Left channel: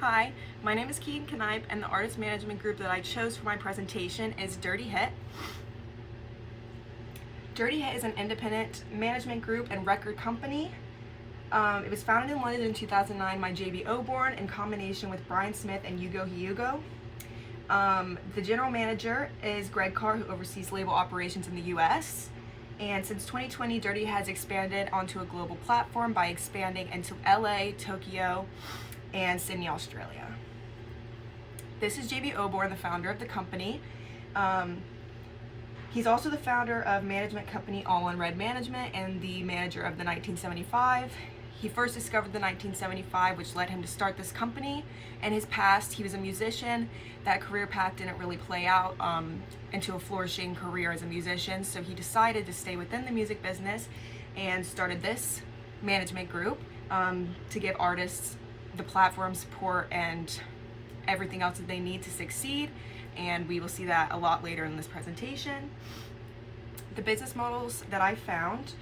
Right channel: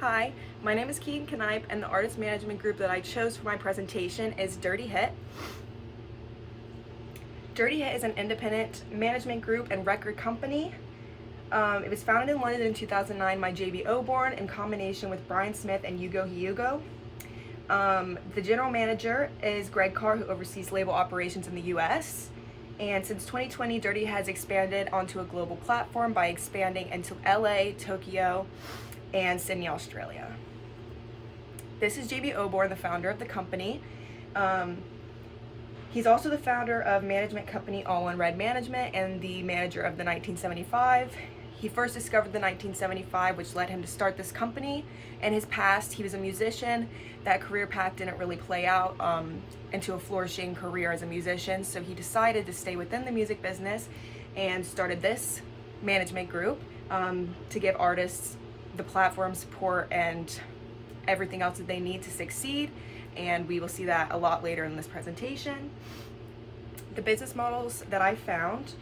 Hi, my name is Keaton Canipe, and the artist management group that I chose for my presentation is Dirty Hit. Dirty Hit is an independent management group and record company. It was founded in London in 2009 by J.B. Oborn in combination with Brian Smith and Hugo Hugo. The general manager is Greg Carr, who oversees label operations in the US. And since 2020, Dirty has expanded onto a global platform by expanding into LA, Tokyo, and Sydney, Australia. This is J.B. Oborn, the founder of the company. He's also the founder of management company All on Red Management and the manager of the 1975. He first discovered the 1975, which led him to start this company. In his past, he was a musician. That career path didn't really play out into a flourishing career as a musician, so he decided to stay within the music business and started this management group to give artists the platform, support, and everything else that they need to succeed. And we will see that a lot later in this presentation. The business models that I found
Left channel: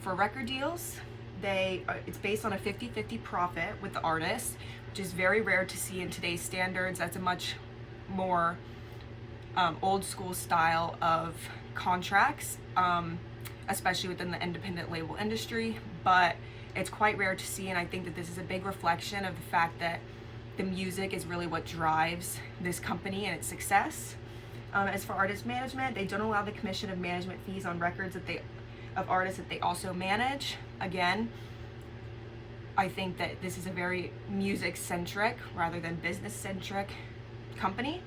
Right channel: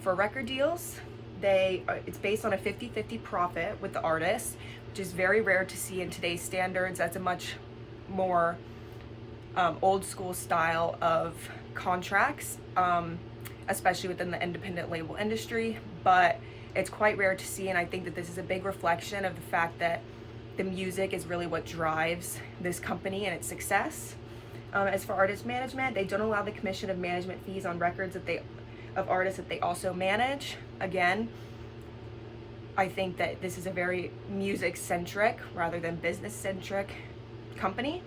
for record deals, it's based on a 50-50 profit with the artist, which is very rare to see in today's standards. That's a much more old school style of contracts, especially within the independent label industry, but it's quite rare to see, and I think that this is a big reflection of the fact that the music is really what drives this company and its success. As for artist management, they don't allow the commission of management fees on records of artists that they also manage. Again, I think that this is a very music-centric rather than business-centric company.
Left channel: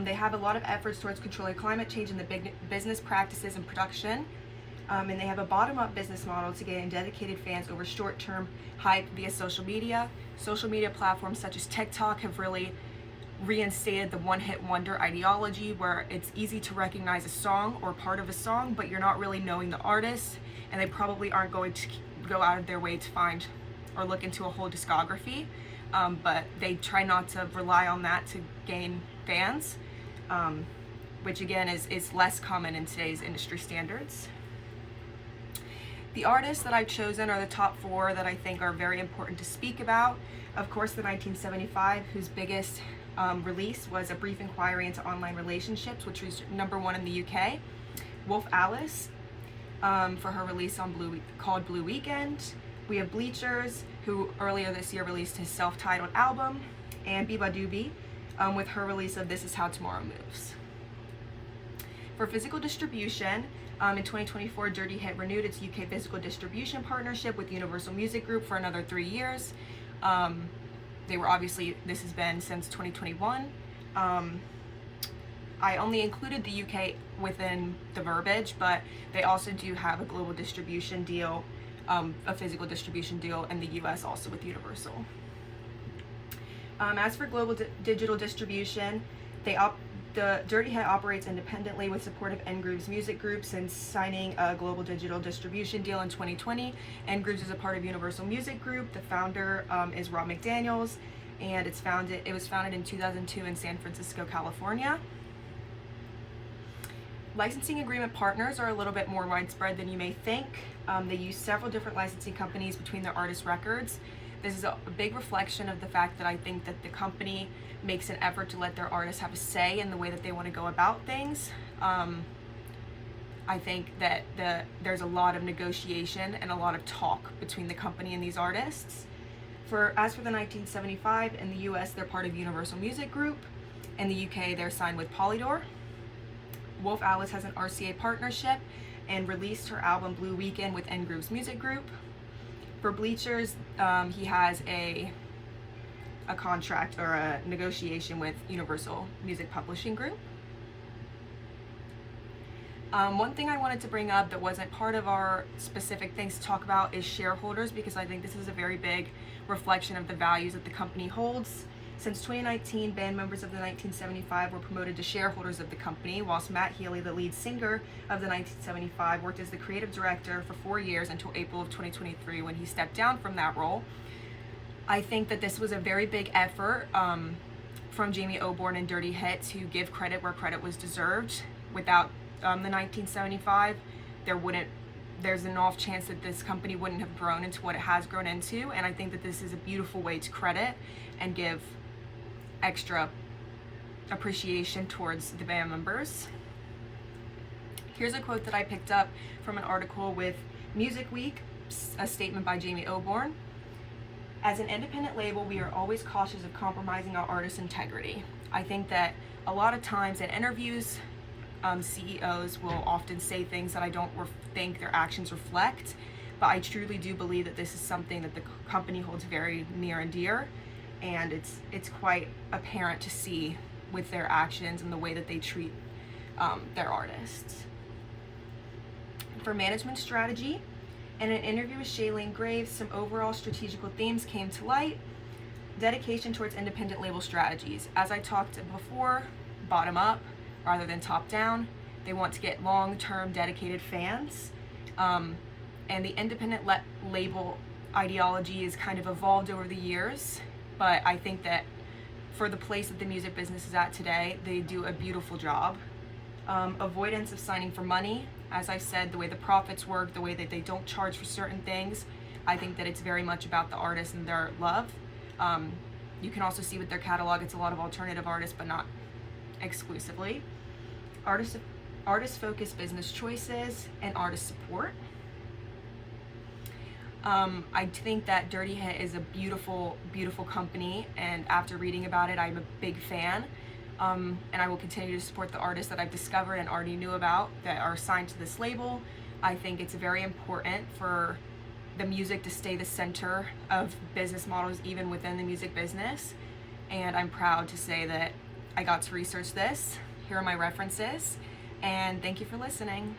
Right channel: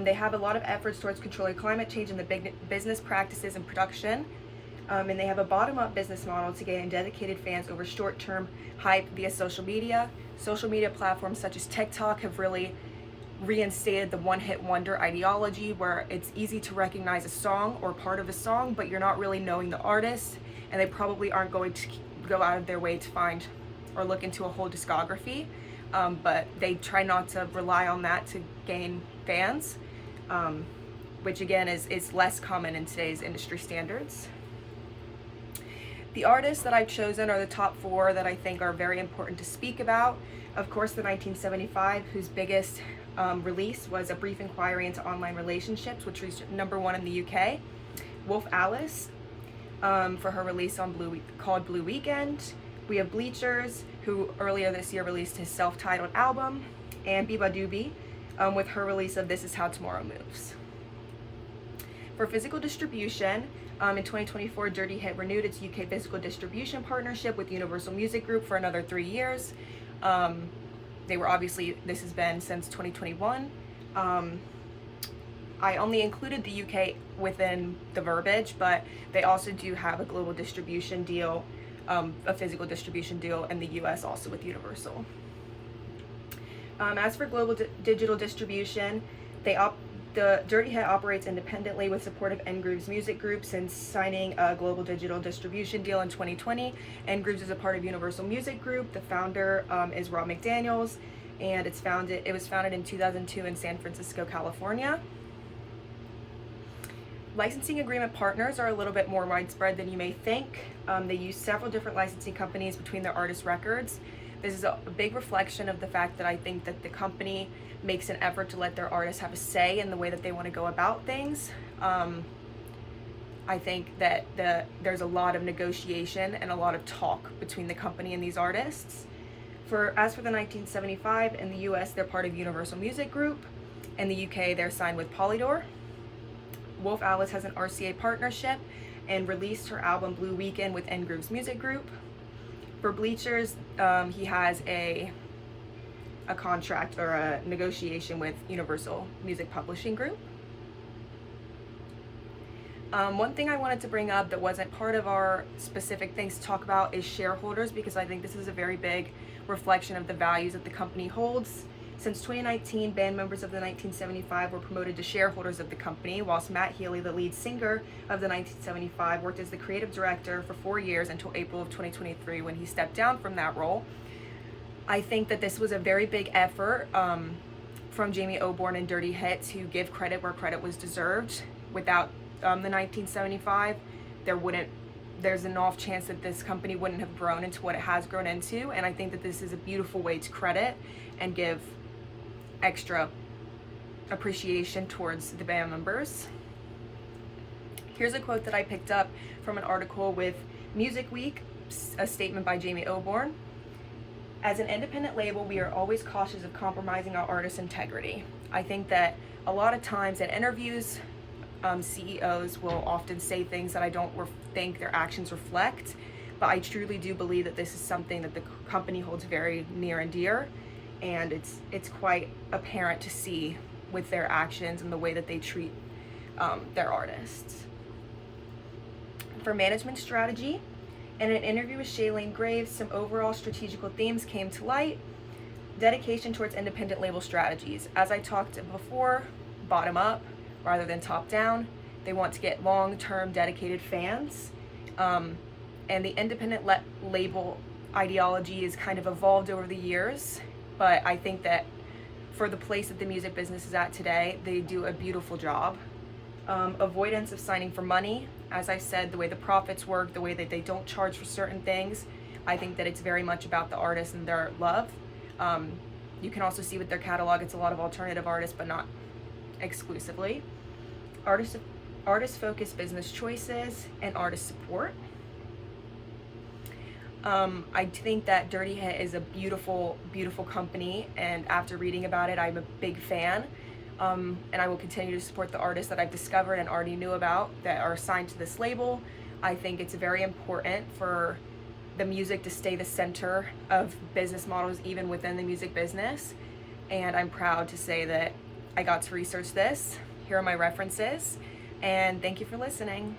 They have a lot of efforts towards controlling climate change in the business practices and production. And they have a bottom-up business model to gain dedicated fans over short-term hype via social media. Social media platforms such as TikTok have really reinstated the one-hit wonder ideology, where it's easy to recognize a song or part of a song, but you're not really knowing the artist, and they probably aren't going to go out of their way to find or look into a whole discography. But they try not to rely on that to gain fans, which again is less common in today's industry standards. The artists that I've chosen are the top 4 that I think are very important to speak about. Of course, the 1975, whose biggest release was A Brief Inquiry into Online Relationships, which reached #1 in the UK. Wolf Alice for her release on called Blue Weekend. We have Bleachers, who earlier this year released his self-titled album, and Biba Doobie with her release of This Is How Tomorrow Moves. For physical distribution, in 2024, Dirty Hit renewed its UK physical distribution partnership with Universal Music Group for another 3 years. This has been since 2021. I only included the UK within the verbiage, but they also do have a global distribution deal, a physical distribution deal in the US also with Universal. As for global digital distribution, the Dirty Hit operates independently with support of N-Grooves Music Group since signing a global digital distribution deal in 2020. N-Grooves is a part of Universal Music Group. The founder is Rob McDaniels, and it was founded in 2002 in San Francisco, California. Licensing agreement partners are a little bit more widespread than you may think. They use several different licensing companies between their artist records. This is a big reflection of the fact that I think that the company makes an effort to let their artists have a say in the way that they want to go about things. I think that there's a lot of negotiation and a lot of talk between the company and these artists. As for the 1975, in the US, they're part of Universal Music Group. In the UK, they're signed with Polydor. Wolf Alice has an RCA partnership and released her album Blue Weekend with N-Grooves Music Group. For Bleachers, he has a contract or a negotiation with Universal Music Publishing Group. One thing I wanted to bring up that wasn't part of our specific things to talk about is shareholders, because I think this is a very big reflection of the values that the company holds. Since 2019, band members of the 1975 were promoted to shareholders of the company, whilst Matt Healy, the lead singer of the 1975, worked as the creative director for 4 years until April of 2023 when he stepped down from that role. I think that this was a very big effort from Jamie Oborn and Dirty Hit to give credit where credit was deserved. Without the 1975, there's an off chance that this company wouldn't have grown into what it has grown into, and I think that this is a beautiful way to credit and give extra appreciation towards the band members. Here's a quote that I picked up from an article with Music Week, a statement by Jamie Oborn. As an independent label, we are always cautious of compromising our artists' integrity. I think that a lot of times in interviews, CEOs will often say things that I don't think their actions reflect, but I truly do believe that this is something that the company holds very near and dear, and it's quite apparent to see with their actions and the way that they treat their artists. For management strategy, in an interview with Shailene Graves, some overall strategical themes came to light. Dedication towards independent label strategies. As I talked before, bottom up rather than top down. They want to get long-term dedicated fans. And the independent label ideology is kind of evolved over the years, but I think that for the place that the music business is at today, they do a beautiful job. Avoidance of signing for money. As I said, the way the profits work, the way that they don't charge for certain things, I think that it's very much about the artist and their love. You can also see with their catalog, it's a lot of alternative artists, but not exclusively. Artist-focused business choices and artist support. I think that Dirty Hit is a beautiful, beautiful company, and after reading about it, I'm a big fan. And I will continue to support the artists that I've discovered and already knew about that are assigned to this label. I think it's very important for the music to stay the center of business models even within the music business, and I'm proud to say that I got to research this. Here are my references, and thank you for listening.